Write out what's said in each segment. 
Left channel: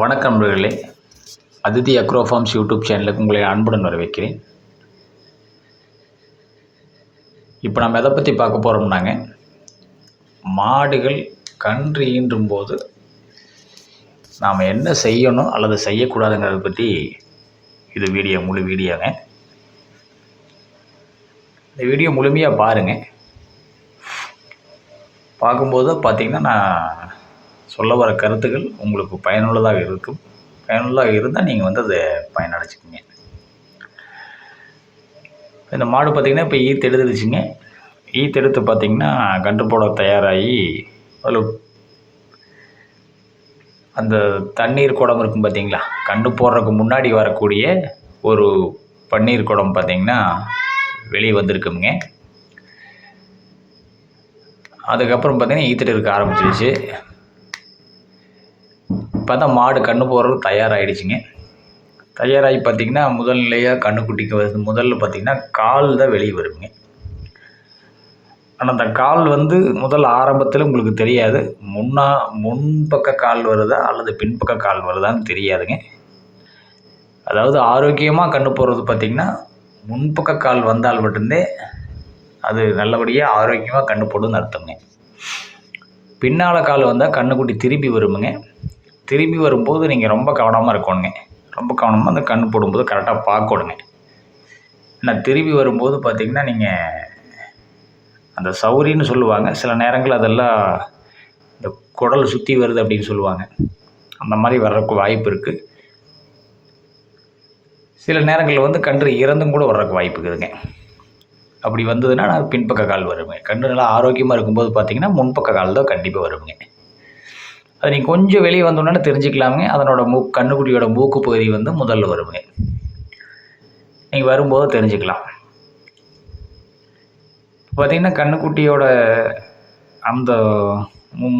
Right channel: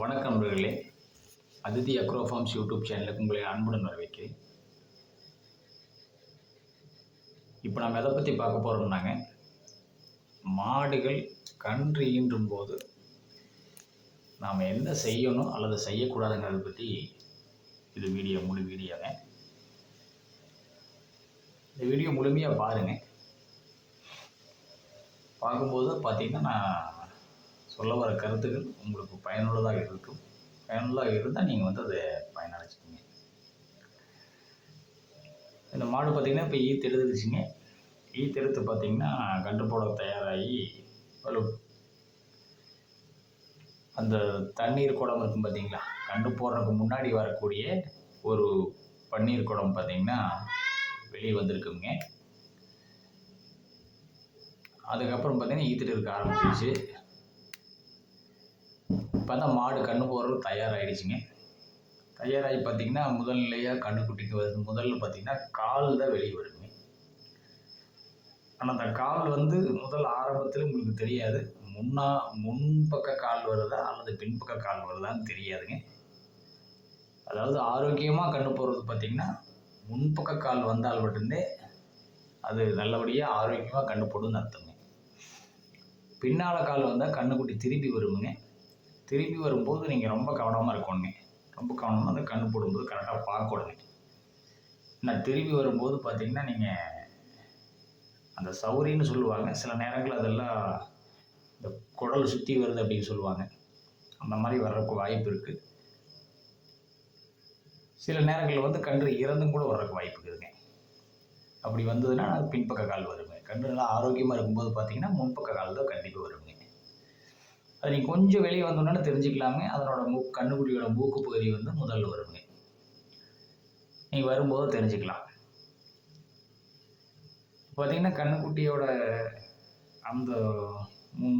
வணக்கம் நண்பர்களே. Aditi agro forms YouTube சேனலுக்கு உங்களை அன்புடன் வரவேற்கிறேன். இப்போ நம்ம எதை பற்றி பார்க்க போகிறோம்னாங்க, மாடுகள் கன்று ஈன்றும் போது நாம் என்ன செய்யணும் அல்லது செய்யக்கூடாதுங்கிறத பற்றி இது முழு வீடியோங்க. இந்த வீடியோ முழுமையாக பாருங்கள். பார்க்கும்போது பார்த்திங்கன்னா நான் சொல்ல வர கருத்துக்கள் உங்களுக்கு பயனுள்ளதாக இருக்கும். பயனுள்ளதாக இருந்தால் நீங்கள் அதை பயனடைச்சிக்கிங்க. இந்த மாடு பார்த்திங்கன்னா இப்போ ஈத்தெடுத்துச்சுங்க. ஈத்தெடுத்து பார்த்திங்கன்னா கன்று போட தயாராகி அதில் அந்த தண்ணீர் குடம் இருக்கும் பார்த்திங்களா, கன்று போடுறதுக்கு முன்னாடி வரக்கூடிய ஒரு பன்னீர் குடம் பார்த்திங்கன்னா வெளியே வந்திருக்குங்க. அதுக்கப்புறம் பார்த்திங்கன்னா ஈத்துட்டு இருக்க ஆரம்பிச்சிருச்சு. இப்போ தான் மாடு கன்று போடுறதுக்கு தயாராகிடுச்சிங்க. தயாராகி பார்த்திங்கன்னா முதல் நிலையாக கன்றுக்குட்டிக்கு வருது. முதல்ல பார்த்திங்கன்னா கால் தான் வெளியே வருங்க. ஆனால் அந்த கால் முதல் ஆரம்பத்தில் உங்களுக்கு தெரியாது. முன்பக்க கால் வருதா அல்லது பின்பக்க கால் வருதான்னு தெரியாதுங்க. அதாவது ஆரோக்கியமாக கன்று போடுறது பார்த்திங்கன்னா முன்பக்க கால் வந்தால் மட்டும்தே அது நல்லபடியாக ஆரோக்கியமாக கன்று போடுன்னு அர்த்தங்க. பின்னால் கால் வந்தால் கன்றுக்குட்டி திரும்பி வருமுங்க. திரும்பி வரும்போது நீங்கள் ரொம்ப கவனமாக இருக்கணுங்க. ரொம்ப கவனமாக அந்த கன்று போடும்போது கரெக்டாக பார்க்கணுங்க. ஏன்னா திரும்பி வரும்போது பார்த்திங்கன்னா நீங்கள் அந்த சௌரின்னு சொல்லுவாங்க. சில நேரங்கள் அதெல்லாம் இந்த குடல் சுற்றி வருது அப்படின்னு சொல்லுவாங்க. அந்த மாதிரி வர்றதுக்கு வாய்ப்பு இருக்குது. சில நேரங்களில் கன்று இறந்தும் கூட வர்றதுக்கு வாய்ப்பு இருக்குதுங்க. அப்படி வந்ததுன்னா நான் பின்பக்க கால் வருவேங்க. கன்று நல்லா ஆரோக்கியமாக இருக்கும்போது பார்த்திங்கன்னா முன்பக்க கால் தான் கண்டிப்பாக வருவேங்க. அது நீங்கள் கொஞ்சம் வெளியே வந்தோன்னே தெரிஞ்சுக்கலாமுங்க. அதனோட கன்றுக்குட்டியோட மூக்கு பகுதி முதல்ல வருவேங்க. நீங்கள் வரும்போது தெரிஞ்சுக்கலாம். பார்த்திங்கன்னா கன்றுக்குட்டியோட அந்த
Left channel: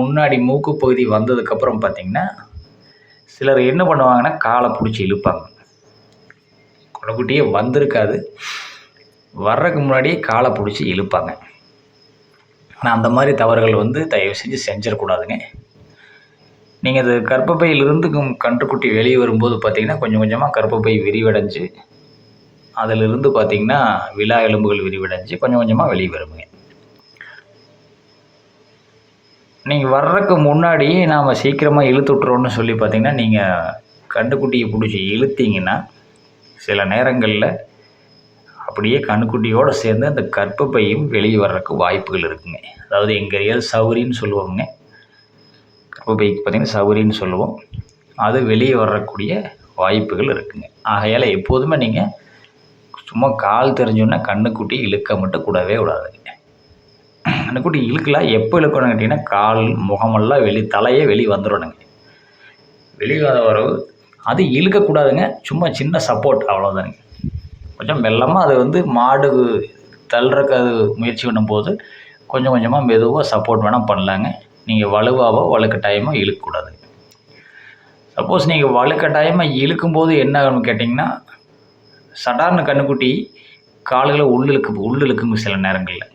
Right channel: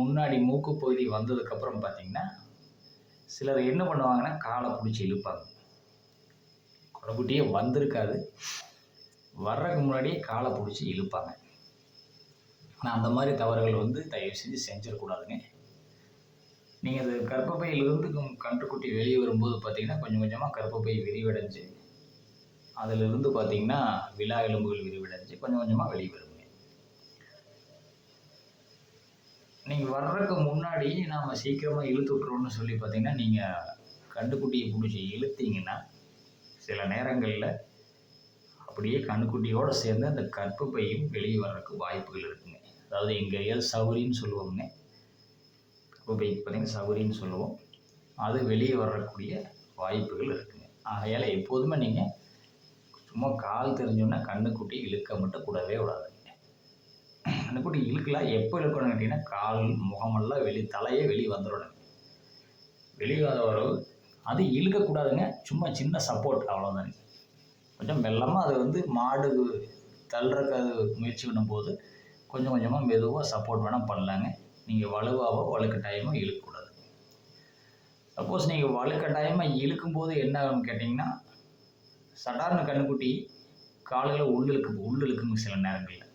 முன்னாடி மூக்கு பகுதி வந்ததுக்கப்புறம் பார்த்திங்கன்னா சிலர் என்ன பண்ணுவாங்கன்னா காலை பிடிச்சி இழுப்பாங்க. கன்றுக்குட்டியே வந்திருக்காது, வர்றதுக்கு முன்னாடியே காலை பிடிச்சி இழுப்பாங்க. ஆனால் அந்த மாதிரி தவறுகள் தயவு செஞ்சு செஞ்சிடக்கூடாதுங்க. நீங்கள் அது கர்ப்பப்பையிலிருந்து கன்றுக்குட்டி வெளியே வரும்போது பார்த்திங்கன்னா கொஞ்சம் கொஞ்சமாக கர்ப்பப்பை விரிவடைஞ்சு அதிலிருந்து பார்த்திங்கன்னா விலா எலும்புகள் விரிவடைஞ்சு கொஞ்சம் கொஞ்சமாக வெளியே வருங்க. நீங்கள் வர்றதுக்கு முன்னாடியே நாம் சீக்கிரமாக இழுத்து விட்றோன்னு சொல்லி பார்த்திங்கன்னா நீங்கள் கன்றுக்குட்டியை பிடிச்சி இழுத்தீங்கன்னா சில நேரங்களில் அப்படியே கன்றுக்குட்டியோடு சேர்ந்து அந்த கர்ப்பப்பையும் வெளியே வர்றதுக்கு வாய்ப்புகள் இருக்குங்க. அதாவது எங்கள் ஏரியாவில் சௌரின்னு சொல்லுவோங்க. கர்ப்பப்பைக்கு பார்த்திங்கன்னா சௌரின்னு சொல்லுவோம். அது வெளியே வரக்கூடிய வாய்ப்புகள் இருக்குங்க. ஆகையால் எப்போதுமே நீங்கள் சும்மா கால் தெரிஞ்சோன்னா கன்றுக்குட்டி இழுக்க மட்டும் கூடவே விடாதுங்க. கன்றுக்குட்டி இழுக்கலாம். எப்போ இழுக்கணும்னு கேட்டிங்கன்னா கால் முகமெல்லாம் தலையே வெளியே வந்துடணுங்க. வெளியே வரவு அது இழுக்கக்கூடாதுங்க. சும்மா சின்ன சப்போர்ட் அவ்வளோதானுங்க. கொஞ்சம் மெல்லமாக அது மாடு தள்ளுறக்கு அது முயற்சி பண்ணும்போது கொஞ்சம் கொஞ்சமாக மெதுவாக சப்போர்ட் வேணால் பண்ணலாங்க. நீங்கள் வலுவாவோ வலுக்கட்டாயமாக இழுக்கக்கூடாது. சப்போஸ் நீங்கள் வலுக்கட்டாயமாக இழுக்கும்போது என்ன ஆகும்னு கேட்டிங்கன்னா சடார்னு கன்றுக்குட்டி கால்களை உள்ளிழுக்குங்க. சில நேரங்களில்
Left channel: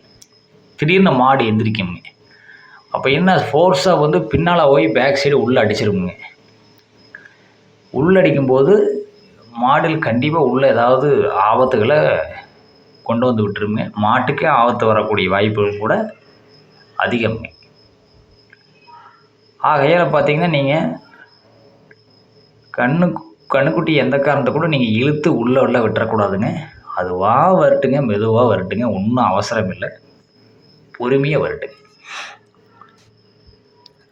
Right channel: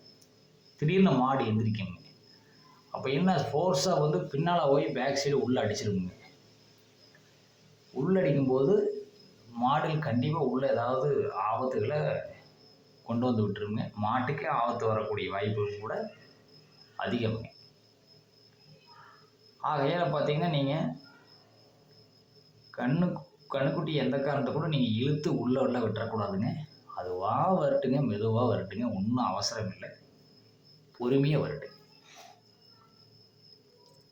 திடீர்னு மாடு எந்திரிக்குங்க. அப்போ என்ன ஃபோர்ஸாக பின்னால் போய் பேக் சைடு உள்ளே அடிச்சிருக்குங்க. உள்ளடிக்கும்போது மாடுகள் கண்டிப்பாக உள்ளே ஏதாவது ஆபத்துகளை கொண்டு விட்டுருங்க. மாட்டுக்கே ஆபத்து வரக்கூடிய வாய்ப்புகள் கூட அதிகம்ங்க. ஆகையால் பார்த்திங்கன்னா நீங்கள் கன்றுக்குட்டி எந்த காரணத்தை கூட நீங்கள் இழுத்து உள்ளே விட்டுறக்கூடாதுங்க. அதுவாக வரட்டுங்க, மெதுவாக வரட்டுங்க. ஒன்றும் அவசரம் இல்லை, பொறுமையாக வரட்டுங்க.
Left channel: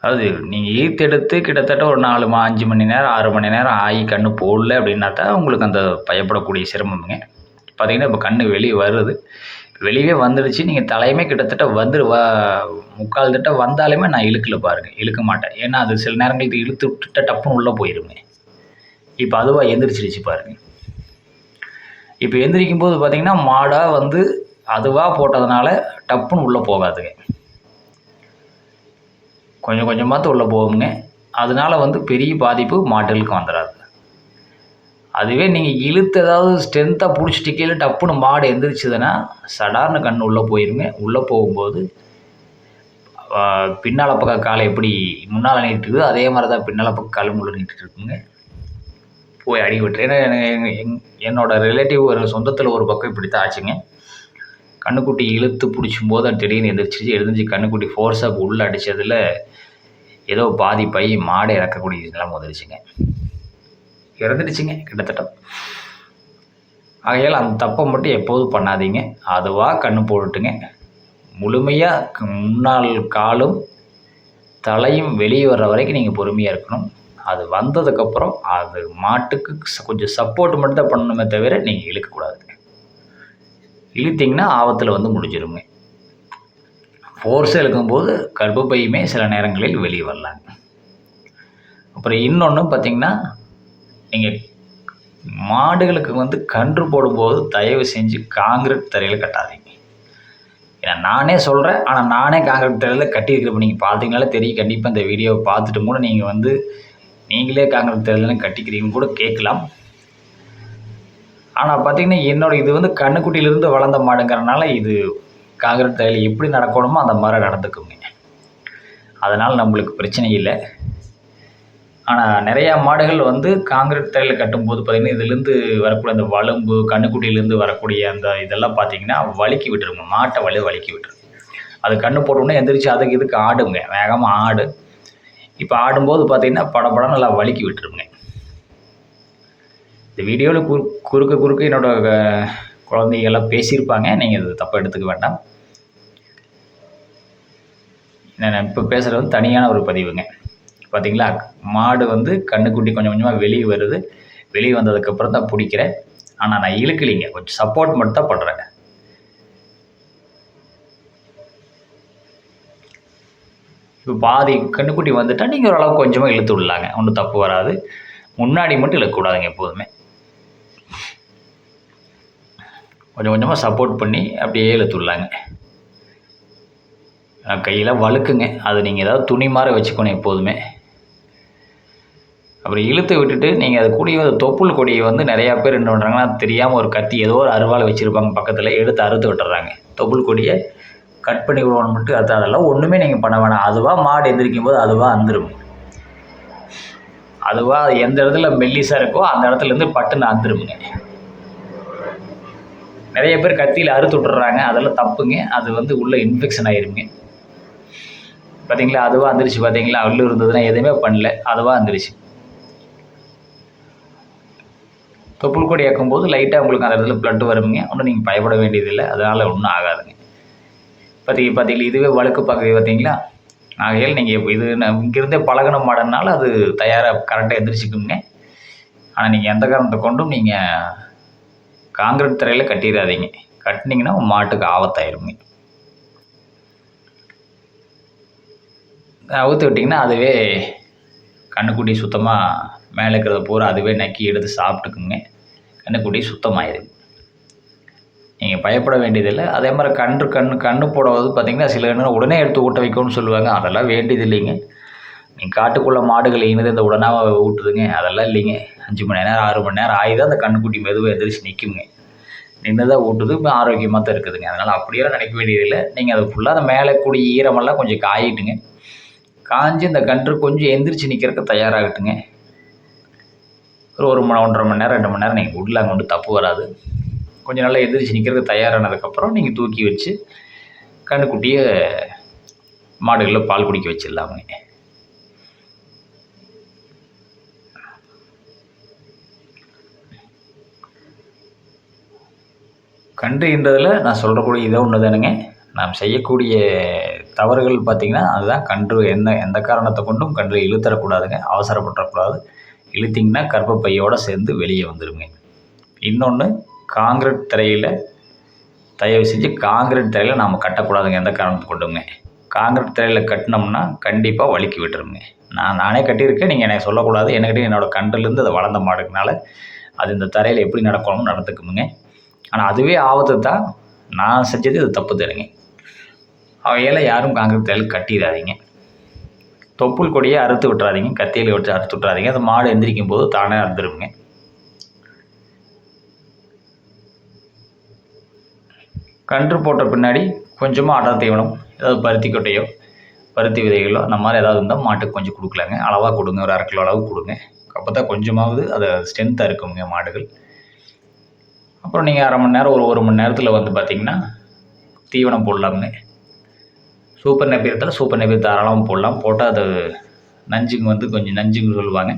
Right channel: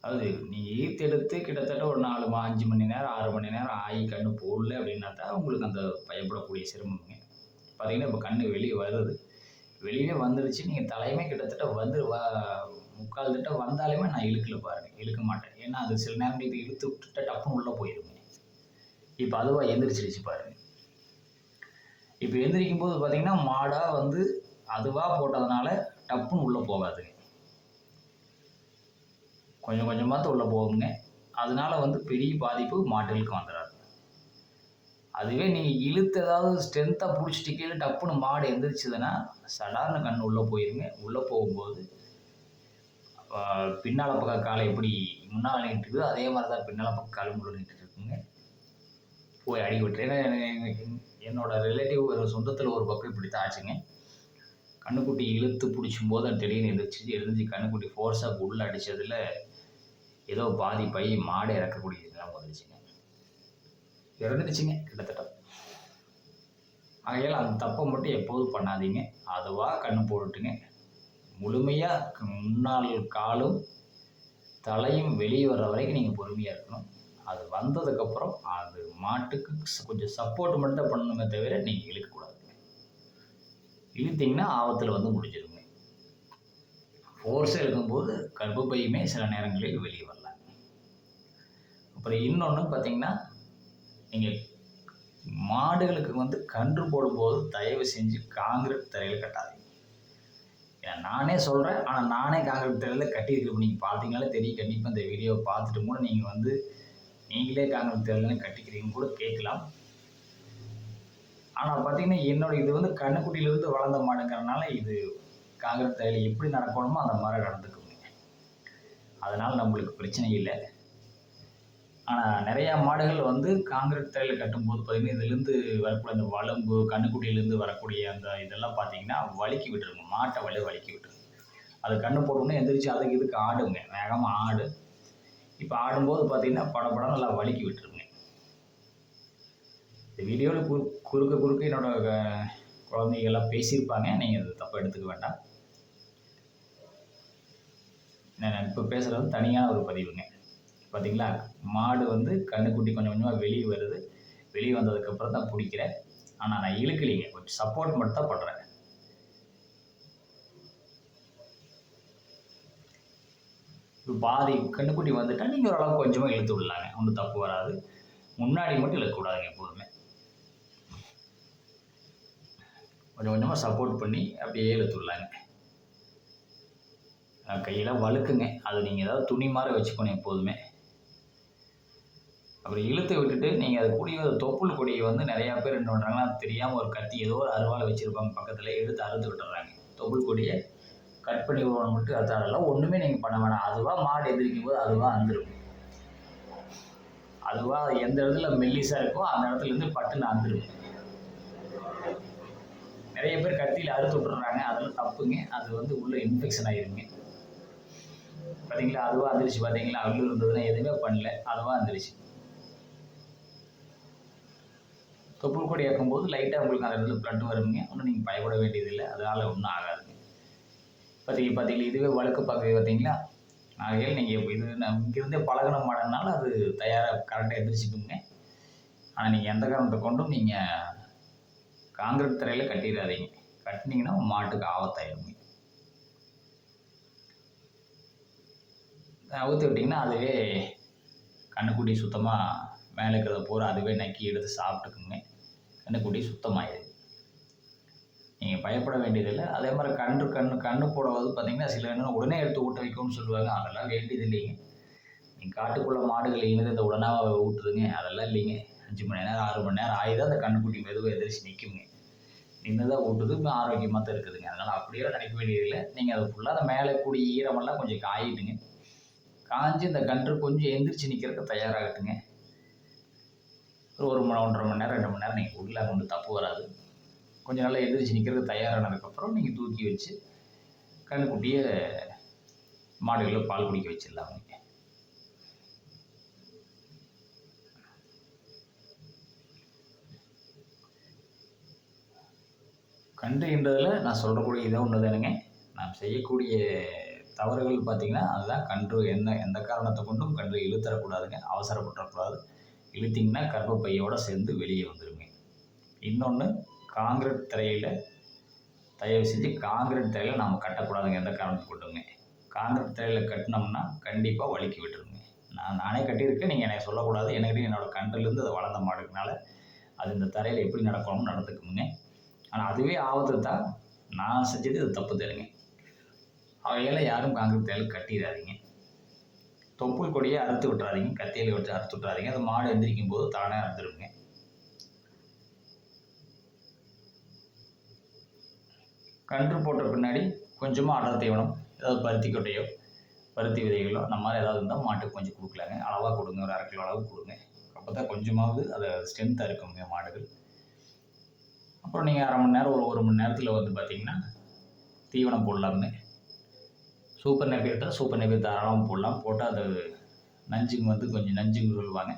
அதாவது நீங்கள் ஈர்த்தெடுத்து கிட்டத்தட்ட ஒரு 5 மணி நேரம் 6 மணி நேரம் ஆகி கன்று போடல அப்படின்னாட்டா உங்களுக்கு அந்த பயப்படக்கூடிய சிரமமுங்க. பார்த்திங்கன்னா இப்போ கன்று வெளியே வருது, வெளியே வந்துடுச்சு. நீங்கள் தலையுமே கிட்டத்தட்ட முக்கால் தட்ட வந்தாலுமே நான் இழுக்கல பாருங்கள், இழுக்க மாட்டேன். ஏன்னா அது சில நேரங்களுக்கு இழுத்து விட்டுட்ட டப்புன்னு உள்ளே போயிடுங்க. இப்போ அதுவாக எந்திரிச்சிருச்சு பாருங்கள். இப்போ எந்திரிக்கும் போது பார்த்திங்கன்னா மாடாக அதுவாக போட்டதுனால டப்புன்னு உள்ளே போகாதுங்க. கொஞ்சம் கொஞ்சமாக உள்ளே போகுங்க. அதனால் பெரிய பாதிப்பு மாடுகளுக்கு வந்துடாது. அதுவே நீங்கள் இழுத்து ஏதாவது ஸ்ட்ரென்த்தாக பிடிச்சிட்டு கீழே டப்புன்னு மாடு எந்திரிச்சதுன்னா சடார்னு கன்று உள்ளே போயிருங்க. உள்ளே போகும்போது பின்னால் பக்கம் காலை எப்படி முன்னால் நீட்டுக்குதோ அதே மாதிரி தான் பின்னால் பக்கம் காலும் உள்ள நீட்டுட்டு இருக்குங்க. போய் அடி விட்டுரு. ஏன்னா என்னோட ரிலேட்டிவ் ஒரு சொந்தத்தில் ஒரு பக்கம் இப்படி தான் ஆச்சுங்க. கண்ணுக்குட்டி இழுத்து பிடிச்சும்போது அது திடீர்னு எழுந்திரிச்சு கண்ணுக்குட்டி ஃபோர்ஸாக உள்ளே அடித்ததில் ஏதோ பாதி பை மாடை இறக்கக்கூடிய நிலைமை வந்துருச்சுங்க. இறந்துடுச்சுங்க கிட்டத்தட்ட. ஆகையால் அந்த தப்பை மட்டும் எப்போதும் பண்ணாதீங்க. அதுவாக கண்ணு போட்டுட்டுங்க. முழுமையாக முன்னால் காலும் தலையும் வெளியே வர்ற வரைக்கும் நீங்கள் பொறுமையாக இருக்கணும். அது வந்ததுக்கப்புறம் அது மாட்டுக்கு கொஞ்சம் சப்போர்ட் மட்டும் தான் பண்ணணுமே தவிர நீங்கள் இழுக்கக்கூடாதுங்க. இழுத்திங்கன்னா ஆபத்தில் வந்து முடிஞ்சிருங்க. ஃபோர்ஸாக இழுக்கும்போது கர்ப்பப்பையுமே சில நேரங்களில் வெளியே வரலாங்க. அப்புறம் இன்னொன்று பார்த்திங்கன்னா, நீங்கள் மாடுகளுக்கு வந்து கன்று போடும்போது தயவு செஞ்சு காங்கிரீட் தரையில் கட்டாதீங்க. ஏன்னா நானே சொல்கிறேன், ஆனால் நானே காங்கிரீட் தரையில் கட்டியிருக்கிறப்ப நீங்கள் பார்த்தீங்கனாலே தெரியும். கண்டிப்பாக இந்த வீடியோவை பார்த்துட்டு கூட நீங்கள் வந்து நீங்களே காங்கிரீட் தரையில் கட்டிக்கிறீங்கன்னு கூட கேட்கலாம். ஆனால் பார்த்திங்கன்னா இது வந்து கண்ணுக்குட்டியிலேருந்து வளர்ந்த மாடுங்கிறனால இது காங்கிரீட் தரையில் எப்படி நடக்கணுமோ அந்த மாதிரி நடந்துக்குங்க. அதனால் நம்மளுக்கு பிரச்சனை இல்லை. ஆனால் நிறையா மாடுகள் வந்து காங்கிரீட் தரையில் கட்டும்போது பார்த்திங்கன்னா இதுலேருந்து வரக்கூடிய அந்த வலும்பு கண்ணுக்குட்டியிலேருந்து வரக்கூடிய அந்த இதெல்லாம் பார்த்திங்கன்னா வழுக்கி விட்டுருங்க. மாட்டை வழுக்கி விட்டுருங்க. அது கண்ணு போட்டோன்னே எந்திரிச்சு அதுக்கு இதுக்கு ஆடுங்க, வேகமாக ஆடு. இப்போ ஆடும்போது பார்த்திங்கன்னா படப்படம் நல்லா வழுக்கி விட்டுருங்க. இந்த வீடியோவில் குறுக்க என்னோடய குழந்தைகள்லாம் பேசியிருப்பாங்க. நீங்கள் இது தப்பாக எடுத்துக்க வேண்டாம். நான் இப்போ பேசுகிறது வந்து தனியான ஒரு பதிவுங்க. பார்த்திங்களா, மாடு வந்து கண்ணுக்குட்டி கொஞ்சம் கொஞ்சமாக வெளியே வருது. வெளியே வந்ததுக்கப்புறம் தான் பிடிக்கிறேன். ஆனால் நான் இழுக்கலிங்க, கொஞ்சம் சப்போர்ட் மட்டும் தான் பண்ணுறேன். இப்போ பாதி கண்ணுக்குட்டி வந்துட்டால் நீங்கள் ஓரளவுக்கு கொஞ்சமாக இழுத்து விடலாங்க. ஒன்றும் தப்பு வராது. முன்னாடி மட்டும் இழுக்கக்கூடாதுங்க எப்போதுமே. கொஞ்சம் கொஞ்சமாக சப்போர்ட் பண்ணி அப்படியே இழுத்து விடலாங்க. கையில் வழுக்குங்க. அது நீங்கள் ஏதாவது துணி மாதிரி வச்சுக்கணும் எப்போதுமே. அப்புறம் இழுத்து விட்டுட்டு நீங்கள் அது கூடிய தொப்புள் கொடியை வந்து நிறையா பேர் என்ன பண்ணுறாங்கன்னா, தெரியாமல் ஒரு கத்தி ஏதோ ஒரு அருவாள் வச்சுருப்பாங்க பக்கத்தில், எடுத்து அறுத்து விட்டுறாங்க. தொப்புள் கொடியை கட் பண்ணி விடுவோம் மட்டும் அதெல்லாம் ஒன்றுமே நீங்கள் பண்ண வேணாம். அதுவாக மாடு எந்திரிக்கும் போது அதுவாக அந்துரும். அதுவாக எந்த இடத்துல மெல்லிசாக இருக்கோ அந்த இடத்துலேருந்து பட்டுன்னு அந்துருமுங்க. நிறைய பேர் கத்தியில் அறுத்து விட்டுறாங்க. அதெல்லாம் தப்புங்க. அது வந்து உள்ளே இன்ஃபெக்ஷன் ஆயிருங்க. பார்த்தீங்களா, அதுவாக அந்துருச்சு. பார்த்தீங்களா, உள்ளே இருந்ததுன்னா எதுவுமே பண்ணல, அதுவாக அந்துருச்சு. தொப்புள் கொடி இறக்கும்போது லைட்டாக உங்களுக்கு அந்த இடத்துல ப்ளட் வருங்க. ஒன்றும் நீங்கள் பயப்பட வேண்டியதில்லை. அதனால் ஒன்றும் ஆகாதுங்க. பார்த்தீங்களா, இதுவே வழுக்கு பார்க்குறது பார்த்தீங்களா. ஆகையால் நீங்கள் இது இங்கேருந்தே பழகின மாடனால அது தயாராக கரெக்டாக எந்திரிச்சிக்குங்க. ஆனால் நீங்கள் எந்த காரணத்தை கொண்டும் நீங்கள் காங்கிரீட் தரையில் கட்டிடாதீங்க. கட்டினீங்கன்னா மாட்டுக்கு ஆபத்தாயிருங்க. அவுத்து விட்டிங்கன்னா அதுவே கண்ணுக்குட்டி சுத்தமாக மேலே இருக்கிறத பூரா அதுவே நக்கி எடுத்து சாப்பிட்டுக்குங்க. கண்ணுக்குட்டி சுத்தமாயிருங்க. நீங்கள் பயப்பட வேண்டியதில்லை. அதே மாதிரி கண்ணு போடுவது பார்த்திங்கன்னா சில நேரம் உடனே எடுத்து ஊட்ட வைக்கணும்னு சொல்லுவாங்க. அதெல்லாம் வேண்டியது இல்லைங்க. நீங்கள் காட்டுக்குள்ளே மாடுகள் இனது இந்த உடனாக ஊட்டுதுங்க, அதெல்லாம் இல்லைங்க. 5 மணி நேரம் 6 மணி நேரம் ஆகி தான் அந்த கண்ணுக்குட்டி மெதுவாக எந்திரிச்சு நிற்குங்க. நின்று தான் ஊட்டுது, ஆரோக்கியமாக தான் இருக்குதுங்க. அதனால் அப்படியெல்லாம் நினைக்க வேண்டியதில்லை. நீங்கள் அது ஃபுல்லாக அந்த மேலே கூடிய ஈரமெல்லாம் கொஞ்சம் காயிட்டுங்க. காஞ்சி இந்த கன்று கொஞ்சம் எந்திரிச்சு நிற்கிறதுக்கு தயாராகட்டுங்க. ஒரு 1.5 மணி நேரம் 2 மணி நேரம் நீங்கள் விடலாங்க, ஒன்றும் தப்பு வராது. கொஞ்சம் நல்லா எந்திரிச்சு நிற்கிறதுக்கு தயாரானதுக்கப்புறம் நீங்கள் தூக்கி வச்சு கண்ணுக்குட்டியை மாடுகளில் பால் குடிக்க வச்சிடலாமுங்க. கன்றுன்றதில் நான் சொல்கிறக்கூடிய இதை ஒன்று தானுங்க. நாம் செய்யக்கூடிய தவறுகள் பார்த்திங்கன்னா அதுதான். கன்று எந்த காரணத்தை கொண்டும் கன்று இழுத்தரக்கூடாதுங்க, அவசரப்பட்டுறக்கூடாது. இழுத்திங்கன்னா கர்ப்பப்பையோடு சேர்ந்து வெளியே வந்துடுங்க. இன்னொன்று, காங்கிரீட் தரையில் தயவு செஞ்சு காங்கிரீட் தரையில் நாம் கட்டக்கூடாதுங்க எந்த காரணத்தை கொண்டுங்க. காங்கிரீட் தரையில் கட்டினோம்னா கண்டிப்பாக வழுக்கி விட்டுருங்க. நானே கட்டியிருக்கேன், நீங்கள் எனக்கு சொல்லக்கூடாது. என்கிட்ட என்னோடய கன்றுலேருந்து அதை வளர்ந்த மாடுனால அது இந்த தரையில் எப்படி நடக்கணும்னு நடந்துக்குமுங்க. ஆனால் அதுவே ஆபத்து தான். நான் செஞ்சது இது தப்பு தருங்க. அவையெல்லாம் யாரும் காங்கிரீட் தரையில் கட்டிடாதீங்க. தொப்புள் கொடியை அறுத்து விட்டுறாதீங்க, கத்தியில் வச்சு அறுத்து விட்டுறாதீங்க. அந்த மாடு எந்திரிக்கும் போது தானே அறுத்துருங்க. கன்று போட்ட பின்னாடி கொஞ்சமாக அடர் தீவனம், ஏதாவது பருத்தி கொட்டையோ பருத்தி விதைகளோ அந்த மாதிரி ஏதாவது இருந்தால் மாட்டுக்கு கொஞ்சம் கொடுக்கலாங்க. அளவாக கொடுங்க, ஒரு 1/2 கிலோ அளவு கொடுங்க. அப்போ தான் கொஞ்சமாவது அதை ஸ்ட்ரென்த்தாக இருக்குங்க மாடுகள். அப்புறம் நீங்கள் 1/2 மணி நேரம், ஒரு மணி நேரத்தில் வந்து பார்த்திங்கன்னா தீவனம் போடலாமுங்க. சூப்பர் நேப்பியர் சூப்பர் நேப்பியர் தாராளமாக போடலாம். போட்டால் அது நஞ்சுங்க வந்து கொஞ்சம் நஞ்சுன்னு சொல்லுவாங்க,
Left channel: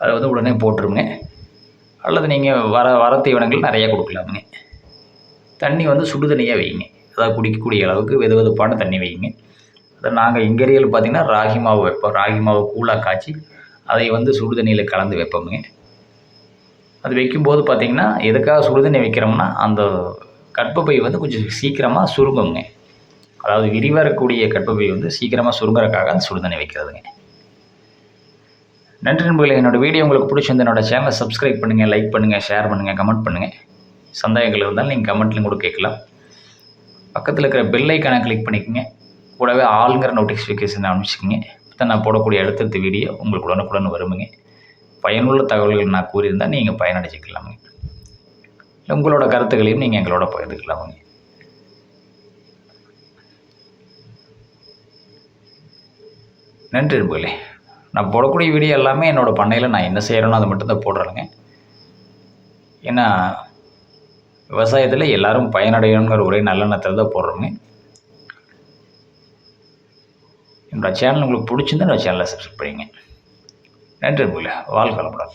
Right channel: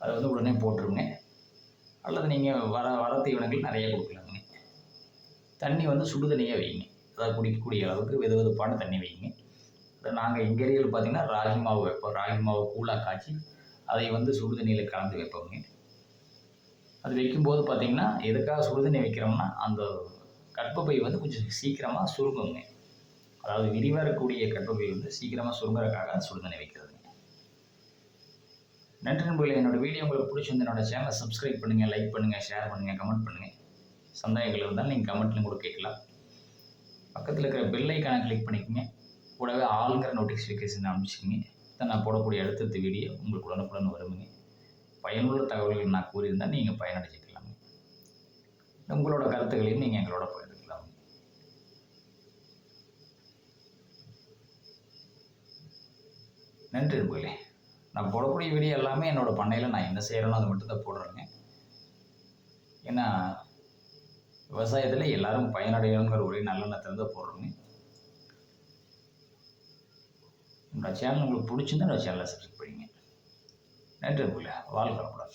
அதை வந்து உடனே போட்டுருங்க. அல்லது நீங்கள் வர தீவனங்கள் நிறையா கொடுக்கலாமுங்க. தண்ணி வந்து சுடு தண்ணியாக வைங்க. அதாவது குடிக்கக்கூடிய அளவுக்கு வெது வெதுப்பான தண்ணி வைங்க. அதை நாங்கள் எங்கள் ஏரியாவில் பார்த்திங்கன்னா ராகி மாவு வைப்போம். ராகி மாவு கூழாக காய்ச்சி அதை வந்து சுடு தண்ணியில் கலந்து வைப்போமுங்க. அது வைக்கும்போது பார்த்திங்கன்னா எதுக்காக சுடு தண்ணி வைக்கிறோம்னா அந்த கர்ப்பப்பை வந்து கொஞ்சம் சீக்கிரமாக சுருங்குங்க. அதாவது விரிவரக்கூடிய கர்ப்பப்பை வந்து சீக்கிரமாக சுருங்குறதுக்காக அந்த சுடு தண்ணி வைக்கிறதுங்க. நன்றி நண்பர்களே. என்னோடய வீடியோ உங்களுக்கு பிடிச்சிருந்து என்னோடய சேனலை சப்ஸ்கிரைப் பண்ணுங்கள், லைக் பண்ணுங்கள், ஷேர் பண்ணுங்கள், கமெண்ட் பண்ணுங்கள். சந்தேகங்கள் இருந்தாலும் நீங்கள் கமெண்ட்லையும் கூட கேட்கலாம். பக்கத்தில் இருக்கிற பெல் ஐக்கானை கிளிக் பண்ணிக்கோங்க. கூடவே ஆளுங்கிற நோட்டிஃபிகேஷன் அனுப்பிச்சிக்கோங்க. அப்போ நான் போடக்கூடிய அடுத்தடுத்த வீடியோ உங்களுக்கு உடனுக்குடன் வருமுங்க. பயனுள்ள தகவல்கள் நான் கூறியிருந்தால் நீங்கள் பயனடைச்சிக்கலாமுங்க. உங்களோட கருத்துக்களையும் நீங்கள் எங்களோட பகிர்ந்துக்கலாமுங்க. நன்றி நண்பர்களே. நான் போடக்கூடிய வீடியோ எல்லாமே என்னோடய பண்ணையில் நான் என்ன செய்கிறேனோ அதை மட்டும்தான் போடுறேங்க. ஏன்னா விவசாயத்தில் எல்லோரும் பயனடையணுங்கிற ஒரே நல்லெண்ணத்தில் தான் போடுறோங்க. என்னோடய சேனல் உங்களுக்கு பிடிச்சிருந்தா என்னோடய சேனலை சப்ஸ்கிரைப் பண்ணிங்க. நன்றி நண்பர்களே. வாழ்க வளமுடன்.